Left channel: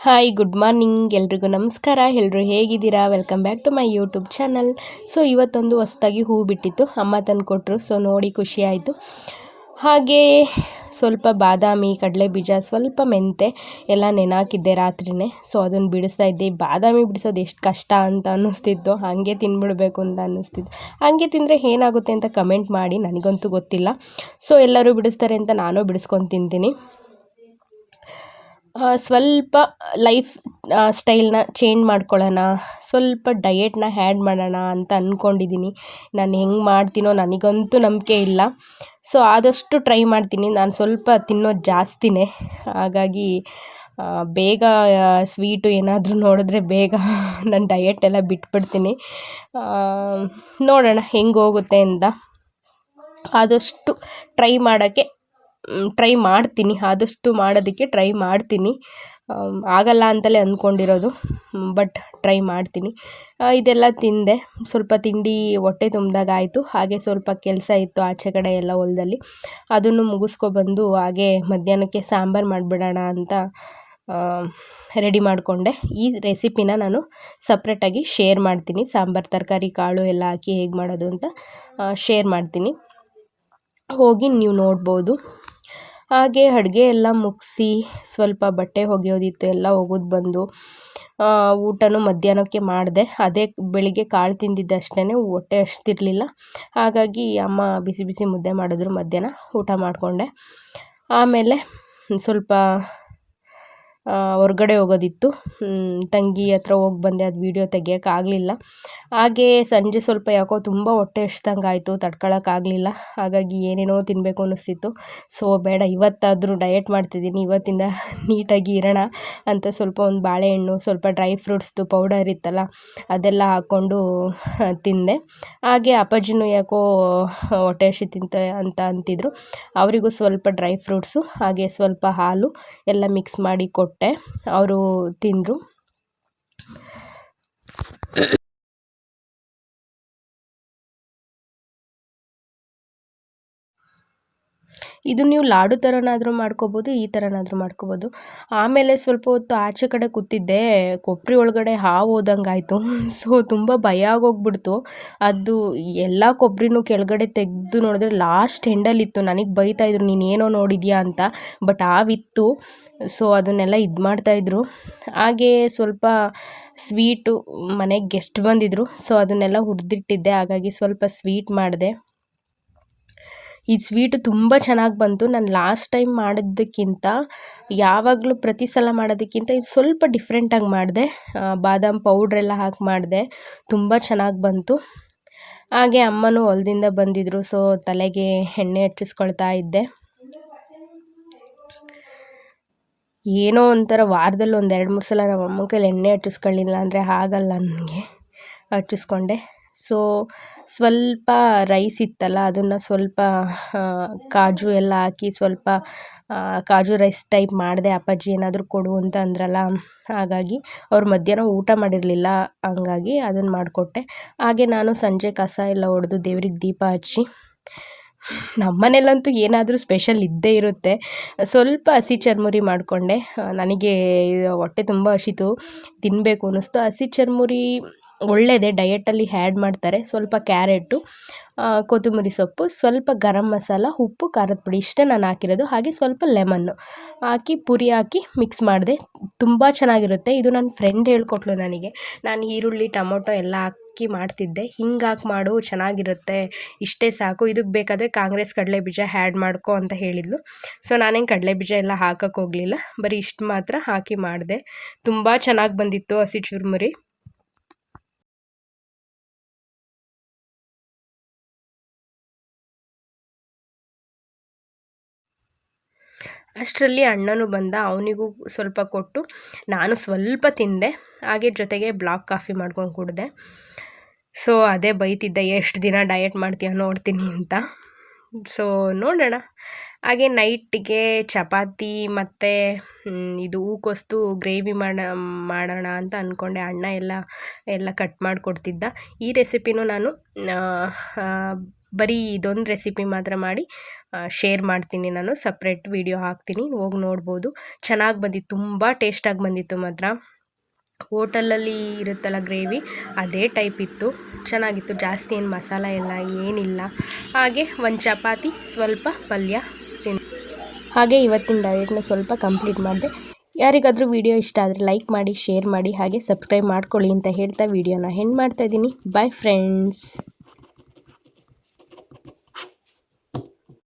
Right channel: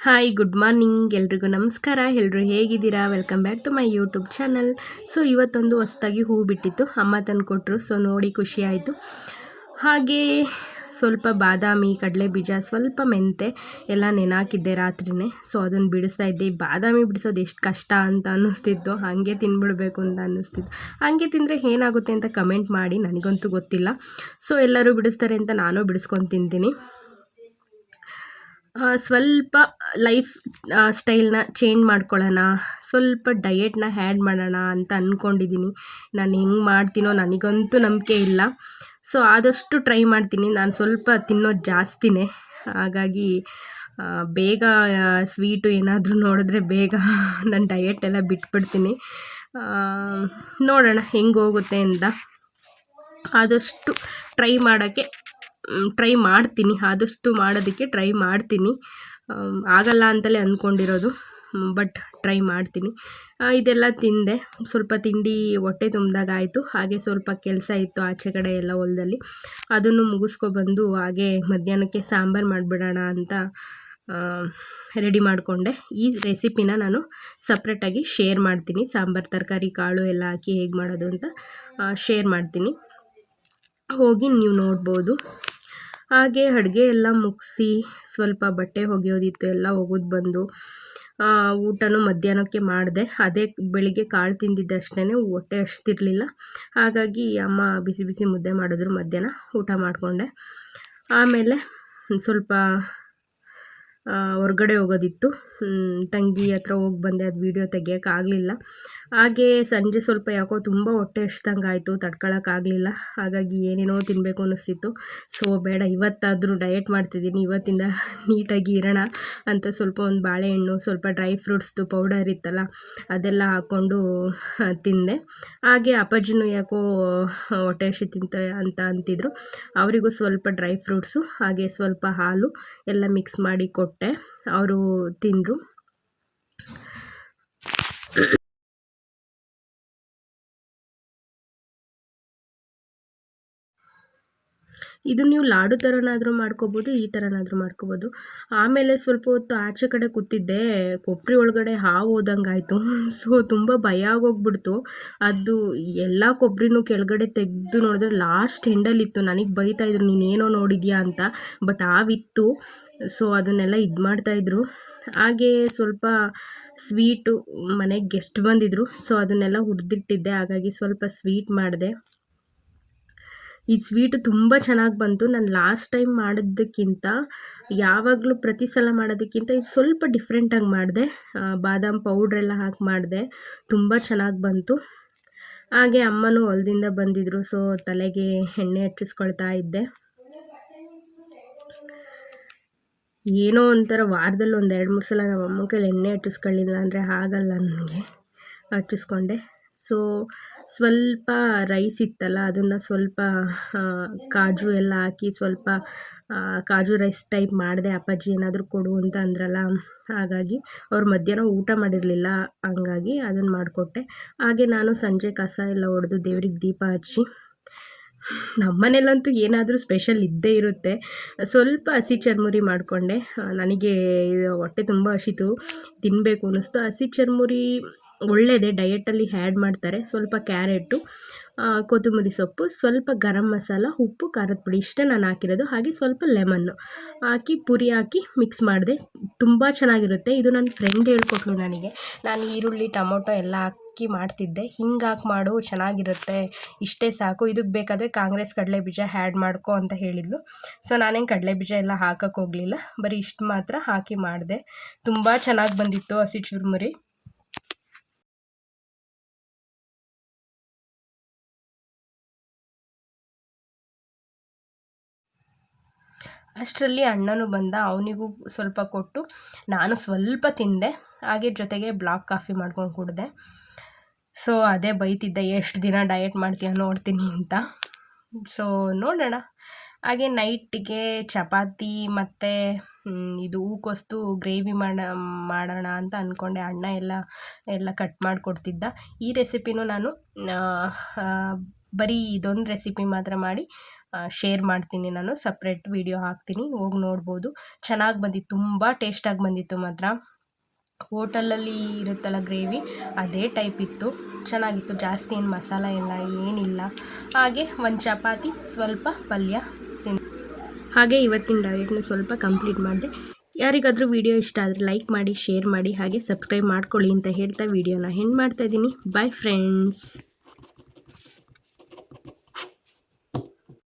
Hi good morning ಎಲ್ರಿಗೂ ನಮಸ್ಕಾರ. ಎಲ್ಲರೂ ಹೇಗಿದ್ದೀರಾ? Welcome back to my YouTube channel so ಇವತ್ತೊಂದು ಹೊಸ್ದಾಗಿ ಹೂ ಬಿಟ್ಟಿತ್ತು. ಅಮ್ಮ ತಂದು ಕೊಟ್ಟರು ಸೊ ನೋಡಿ ಖುಷಿ ಆಯಿತು. ಹಾಗೇ ಸ್ವಲ್ಪ ಬಾದಾಮಿ ಕಡಲೆ ಬೀಜ ಸ್ವಲ್ಪ ಮೆಂತೆ ಎಲ್ಲ ನೆನಾಕಿದ್ದೆ ರಾತ್ರಿನೇ. ಸೊ ಅದನ್ನು ಬಿಡಿಸ್ತಾ ಇದ್ದೆ. ಬಾದಾಮಿ ಬಿಡಿಸೋದು ಎಷ್ಟು ಕಷ್ಟ ಅಂತ ಅನ್ನಿಸ್ತಿತ್ತು. ಹಾಗೆ ತಿಂದ್ಬಿಡಬೇಕು ಅಂತ ಅನ್ನಿಸ್ತಿತ್ತು. ಹಾಗೆ ತಿಂದರೆ ಏನಾಗುತ್ತೆ ಅಂತ ಕಮೆಂಟ್ ಮಾಡಿ. ನನಗಂತೂ ಗೊತ್ತಿಲ್ಲ. ಸೊ ಎಲ್ಲರೂ ಬಿಡಿಸ್ತಾರೆ ಅಂತ ನಾನು ಬಿಡಿಸ್ಕೊಂಡು ತಿಂತೀನಿ. ಸ್ವಲ್ಪ ಲೈಫ್ ಸ್ಟೈಲ್ನ ಚೇಂಜ್ ಮಾಡ್ಕೊಳ್ಳೋಣ, ಸ್ವಲ್ಪ ಡಯೆಟ್ನ ಹ್ಯಾಡ್ ಮಾಡೋಣ ಅಂತ ಅಂದ್ಕೊಂಡಿದ್ದೀನಿ ನಾನು ಹೆಂಗೆ ಮಾಡ್ತೀನೋ ನನಗಂತೂ ನಂಬಿಕೆ ಇಲ್ಲ. ಸೊ ಆದಷ್ಟು ಟ್ರೈ ಮಾಡ್ತೀನಿ. ನಾನು ಸ್ವಲ್ಪ ತಿನ್ನೋದು ಜಾಸ್ತಿನೇ. ಹಾಗಾಗಿ ಬೇಗ ಸ್ವೀಟು ಏನಾದರೂ ನೋಡಿದ್ರೆ ಬೇಗ ನನ್ನ ಡಯೆಟ್ ಎಲ್ಲ ಬಿಟ್ಬಿಡ್ತೀನಿ. ನೋಡೋಣ ಹೆಂಗೆ ಹೋಗುತ್ತೆ ಅಂತ. ಆದಷ್ಟು ಟ್ರೈ ಮಾಡೋಕ್ಕೆ ಟ್ರೈ ಮಾಡ್ತೀನಿ. ಆದಷ್ಟು ಮಾಡೋದಕ್ಕೆ ಟ್ರೈ ಮಾಡ್ತೀನಿ. ಆಗಲ್ಲ ಅಂತಲೇ ಅಂದ್ಕೊಂಡಿರೋದು. ಬಟ್ ಟ್ರೈ ಮಾಡ್ತೀನಿ. ಇದೆಲ್ಲ ತಿಂದೆ. ಸ್ವಲ್ಪ ತಿಂಡಿ ಹೊಟ್ಟೆ ತುಂಬಿದಾಗ ಆಯಿತು. ಹಾಗೆ ಸ್ವಲ್ಪ ಕೆಲಸ ಇತ್ತು ಆಚೆ ಕಡೆ ಎಲ್ಲ ಹೊಲದಲ್ಲಿ. ಅದನ್ನು ಮುಗಿಸ್ಕೊಬಂದು ಹಾಗೆ ಮಧ್ಯಾಹ್ನಕ್ಕೆ ಸಾಂಬಾರು ಮಾಡಿಬಿಡೋಣ ಅಂತ ರೆಡಿ ಮಾಡಿಕೊಂಡೆ. ಈ ರೆಸಿಪಿನ ನಾನು ಸಪ್ರೇಟಾಗಿ ಶೇರ್ ಮಾಡ್ತೀನಿ. ಸಾಂಬಾರು, ತರಕಾರಿ, ಕಾಳು ಎಲ್ಲ ಹಾಕಿ ಹೇಗೆ ಮಾಡೋದು ಅಂತ ಶೇರ್ ಮಾಡ್ತೀನಿ. ಹೋಗಿ ನೀವು ನೋಡ್ಬೋದು. ಹಾಗೆ ಅಡುಗೆ ಎಲ್ಲ ಮುಗಿಸಿ ಸ್ವಲ್ಪ ಬಟ್ಟೆ ಒಗೆಯೋದಿತ್ತು, ಎಲ್ಲ ಒಗೆದು ಬಂದು ಊಟನೂ ಮಧ್ಯಾಹ್ನಕ್ಕೆ ಮಾಡಿದೆ. ಅದೇ ಬೆಳಿಗ್ಗೆ ಕಾಳು ತಿಂದಿದ್ದಷ್ಟೇ ಹೊಟ್ಟೆ ಹಸ್ತಿರ್ಲಿಲ್ಲ. ಹಾಗಾಗಿ ಅಮ್ಮ ಬಿಸಿ ಬಿಸಿ ಮುದ್ದೆ ಮಾಡಿದ್ರು ಮಧ್ಯಾಹ್ನ, ಊಟ ಮಾಡಿಕೊಂಡೆ. ಆಮೇಲೆ ಸ್ವಲ್ಪ ಹೊರ್ಗಡೆ ಹೋಗೋದಿತ್ತು. ತಂಗಿ ಹತ್ರ ಹೋಗಿ ಬಂದೆ, ಅದು ವೀಡಿಯೋ ತೆಗಿಯೋಕ್ಕಾಗಲಿಲ್ಲ ಹಾಗೇ ಸಂಜೆ ಸ್ವಲ್ಪ ಯಾಕೋ ತುಂಬ ಹೊಟ್ಟೆ ಹಸ್ದಂಗೆ ಆಯಿತು ತಡ್ಕೊಳಕ್ಕಾಗಲಿಲ್ಲ ಹಾಗಾಗಿ ಏನೇನೋ ತಿನ್ನಬೇಕು ಅನ್ನಿಸ್ತಿತ್ತು. ಸೊ ಬೇಡ, ಇವತ್ತಾದರೂ ಡಯೆಟ್ ಮಾಡ್ತಿದ್ದೀನಿ, ಇವತ್ತಿಂದ ನೀಟಾಗಿ ಇರೋಣ ಅಂತ ಸ್ವಲ್ಪ ಒಂದು ಬಾಳೆಹಣ್ಣು, ಸ್ವಲ್ಪ ಡ್ರೈ ಫ್ರೂಟ್ಸ್ದು ಪೌಡರ್ ಇತ್ತಲ್ಲ, ಅದೆಲ್ಲ ಹಾಕ್ಕೊಂಡು ತಿಂದೆ. ಹಾಗೆ ಅಪ್ಪಾಜಿನೂ ಯಾಕೋ ಹೊಟ್ಟೆ ಹಸಿತಿಂತ ಅಂತ ಅಂತಿದ್ರು. ಅವರಿಗೂ ಸ್ವಲ್ಪ ಡ್ರೈ ಫ್ರೂಟ್ಸು ಹಾಗೆ ಸ್ವಲ್ಪ ಹಾಲು ಎಲ್ಲ ಮಿಕ್ಸ್ ಮಾಡಿ ಕೊಟ್ಟೆ ಅವರು ತಿಂದರು. ಇದು ನೀವು ಲಾಡು ಥರನಾದರೂ ಮಾಡ್ಕೋಬೋದು, ಈ ಥರನಾದರೂ ಮಾಡ್ಕೋಬೋದು. ಆಮೇಲೆ ಸ್ವಲ್ಪ ಹೊತ್ತು ಆಚೆ ಕಡೆ ಕೂತಿದ್ದೆ ಕೊಬ್ಬರಿ ಒಳಗಡೆ ಹಾವು ಹೋದಂಗೆ ಆಯಿತು ಸೊ ತುಂಬ ಭಯ ಆಗೋಗ್ಬಿಡ್ತು. ಅದು ಎಲ್ಲ ಕೊಬ್ಬರಿನೂ ಕೆಳಗಡೆ ತೆಗೆದು ನೋಡಿದ್ರೆ ಲಾಸ್ಟ್ ಎಂಡಲ್ಲಿತ್ತು ನನಗೆ ಬೈತಾಯಿದ್ರು ನೀನು ಏನೋ ನೋಡಿದ್ಯಾ ಅಂತ. ಬಟ್ ಹಾವಿತ್ತು ಸೊ ಅದನ್ನೆಲ್ಲ ಇದು ಮಾಡ್ತಾಯಿದ್ರು ಹಾಗೇ ಸ್ವಲ್ಪ ಸ್ವೀಟು ಮನೆಗೆ ಗೆಸ್ಟ್ ಬಂದಿದ್ದರು ಸೊ ಅದನ್ನೆಲ್ಲ ಹುರಿದಿಟ್ಟಿದ್ದೆ. ಹಾಗಾಗಿ ಸ್ವಲ್ಪ ಸ್ವೀಟ್ ಮಾಡಿದೆ. ಈ ಸ್ವೀಟ್ ತುಂಬ ಚೆನ್ನಾಗಿ ಬಂತು. ನಾನು ಲಾಸ್ಟ್ ಟೈಮ್ ಮಾಡಿದ್ದಕ್ಕಿಂತ ಯಾವಾಗಲೂ ಪ್ರತಿ ಸಲ ಮಾಡೋದಕ್ಕಿಂತ ಇದು ಸ್ವಲ್ಪ ಡಿಫ್ರೆಂಟಾಗಿ ಮಾಡಿದೆ. ಬಾದಾಮ್ ಪೌಡ್ರೆಲ್ಲ ಹಾಕಿ ಮಾಡಿದೆ. ತುಂಬ ಚೆನ್ನಾಗಿ ಬಂತು. ಹಾಗೆ ಅಮ್ಮನೂ ಹೊಲದಿಂದ ಬಂದಿದ್ದರು ಸೊ ತಲೆಗೆ ಎಣ್ಣೆ ಹಚ್ಚಿಸ್ಕೊಳ್ತಾ ಇದ್ದೆ. ಏನೋ ಒಂಥರ ವಾರದಲ್ಲಿ ಒಂದು ಎರಡು ಮೂರು ಸಲ ನಮ್ಮ ಅಮ್ಮನ ಕೈಲಿ ಎಣ್ಣೆ ಹಚ್ಚಿಸ್ಕೊಳ್ಳಿಲ್ಲ ಅಂದರೆ ಆಗಲ್ಲ ನನಗೆ. ಹಚ್ಚಿಸ್ಕೊಂಡೆ. ಸೊ, ಸ್ವಲ್ಪ ರೈಸ್ ಇತ್ತಲ್ಲ, ಅದನ್ನು ಸ್ವಲ್ಪ ಕಾಜು ಎಲ್ಲ ಹಾಕಿ ಸ್ವಲ್ಪ ಕಾಜು ರೈಸ್ ಟೈಪ್ ಮಾಡಿದೆ, ಅಪ್ಪಾಜಿ ಏನಾದರೂ ಕೊಡು ಅಂತ ಅಂದ್ರಲ್ಲ, ಹಾಗಾಗಿ ಅವ್ರು ಮಧ್ಯಾಹ್ನ ಊಟ ಮಾಡಿರಲಿಲ್ಲ, ಹಂಗಾಗಿ ಅದನ್ನು ಮಾಡಿಕೊಟ್ಟೆ. ಹಾಗೆ ನಾನು ಸಂಜೆ ಕಸ ಎಲ್ಲ ಹೊಡೆದು ದೇವ್ರಿಗೆ ದೀಪ ಹಚ್ಚಿ ನಮ್ಮನೇಲಂತೂ ಏನಾದರೂ ಸ್ಪೆಷಲ್ ಇದ್ದೇ ಇರುತ್ತೆ. ಸ್ವಲ್ಪ ಹಸಿ ಚರ್ಮುರಿ ಮಾಡಿಕೊಂಡೆ. ನನಗೆ ಹೊಟ್ಟೆ ತುಂಬ ಹಸಿತು ತಿನ್ನಬೇಕು ಅನ್ನಿಸ್ತು. ಹಸಿ ಚರ್ಮುರಿ ಒಳ್ಳೆಯದೇ ಡಯೆಟಲ್ಲಿ ಹ್ಯಾಡ್ ಮಾಡ್ತಾರೆ. ಸ್ವಲ್ಪ ಕ್ಯಾರೆಟು ಕೊತ್ತಂಬರಿ ಸೊಪ್ಪು, ಸ್ವಲ್ಪ ಗರಂ ಮಸಾಲ, ಉಪ್ಪು, ಖಾರದ ಪುಡಿ ಇಷ್ಟೇ ನಾನು ಹಾಕಿರೋದು. ಹಾಗೆ ಸ್ವಲ್ಪ ಲೆಮನ್ನು ಹಾಕಿ, ಪುರಿ ಹಾಕಿ ಮಿಕ್ಸ್ ಮಾಡಿದೆ. ತುಂಬ ಚೆನ್ನಾಗಿರುತ್ತೆ. ಇದು ನನ್ನ ಫ್ರೆಂಡ್ ಹೇಳ್ಕೊಟ್ಲು ನನಗೆ. ನಾನು ಈರುಳ್ಳಿ, ಟೊಮೊಟೊ ಎಲ್ಲ ಹಾಕಿ ಮಾಡ್ತಿದ್ದೆ. ಹಿಂಗೆ ಹಾಕಿ ಮಾಡು, ಚೆನ್ನಾಗಿರುತ್ತೆ. ಇಷ್ಟೇ ಸಾಕು. ಇದಕ್ಕೆ ಬೇಕಾದರೆ ಕಾಂಗ್ರೆಸ್ ಕಡಲೆ ಬೀಜ ಹ್ಯಾಡ್ ಮಾಡ್ಕೊ ಅಂತ ಹೇಳಿದ್ಲು. ಸೊ ನಾನೇನು ಕಡಲೆ ಬೀಜ ಎಲ್ಲ ಹಾಕೋಕ್ಕೋಗಲಿಲ್ಲ ಬರೀ ಇಷ್ಟು ಮಾತ್ರ ಹಾಕಿ ಮಾಡಿದೆ. ತುಂಬ ಚೆನ್ನಾಗಿ ಬಂದಿತ್ತು ಹಸಿ ಚುರುಮುರಿ. ಅಷ್ಟರಲ್ಲಿ ಅಣ್ಣನೂ ಬಂದ, ಅವನಿಗೂ ಸ್ವಲ್ಪ ಕೊಟ್ಟು ನಾನು ಸ್ವಲ್ಪ ತಿಂದೆ, ಹಾಗೆ ಜೊತೆಗೆ ಬ್ಲಾಕ್ ಕಾಫಿ ಮಾಡ್ಕೊಂಡು ಕುಡಿದೆ. ಸೊ, ಅದೇ ಬೈತಿದ್ದೆ, ಎಷ್ಟು ದಿನ ಡಯಟ್ ಮಾಡ್ತೀಯ ನೋಡ್ತೀನಿ ಅಂತ. ಸೊ, ನೋಡೋಣ. ಹಾಗೆ ನೈಟಿಗೆ ಚಪಾತಿ ಮತ್ತು ಇದು ಹೂಕೋಸ್ತು ಗ್ರೇವಿ ಮಾಡ, ಮಾಡೋಣ ಅಂತ ಅಂದ್ಕೊಂಡೆ ಅಣ್ಣ ಎಲ್ಲ ಎಲ್ಲ ಕಟ್ ಮಾಡಿಕೊಡ್ತಿದ್ದ. ಈ ರೆಸಿಪಿನೂ ನಾನು ಬರೀ ಇದೊಂದು ರೆಸಿಪಿ ಮಾತ್ರ ಮಾಡಿ ಶೇರ್ ಮಾಡ್ತೀನಿ ನಾನು. ಸಪ್ರೇಟ್ ವಿಡಿಯೋ ಹಾಕ್ತೀನಿ. ಹೋಗಿ ನೋಡ್ಬೋದು. ಚೆನ್ನಾಗಿ ಬಂದಿತ್ತು. ತುಂಬ ಟೇಸ್ಟಾಗಿ ಬಂದಿತ್ತು ಮಾತ್ರ. ಹೋಟೆಲಲ್ಲಿ ಇರುತ್ತಲ್ಲ ಗ್ರೇವಿ ಅದೇ ಟೈಪ್ ಇತ್ತು. ಚೆನ್ನಾಗಿತ್ತು. ಜಾಸ್ತಿ ಏನು ಮಸಾಲ ಇಲ್ಲ, ಏನಿಲ್ಲ. ಹಾಗೆ ಒಂದು ಚಪಾತಿ, ಸ್ವಲ್ಪ ಪಲ್ಯ ತಿನ್. ಹಾಗೆ ಇವತ್ತಿನ ಡಯೆಟ್ನ ಸ್ವಲ್ಪ ಕಂಪ್ಲೀಟ್ ಮಾಡಿದೆ. ಯಾರಿಗಾದರೂ ವಿಡಿಯೋ ಇಷ್ಟ ಆದರೆ ಲೈಕ್ ಮಾಡಿ ಶೇರ್ ಮಾಡಿ, ಹಾಗೆ ಸಬ್ಸ್ಕ್ರೈಬ್ ಮಾಡ್ಕೊಳ್ಳಿ ಅಂತ ಹೇಳ್ತಾ ವಿಡಿಯೋನ ಹೆಣ್ಣು ಮಾಡ್ತಾಯಿದ್ದೀನಿ ಬಾಯ್ ಫ್ರೆಂಡ್ಸ್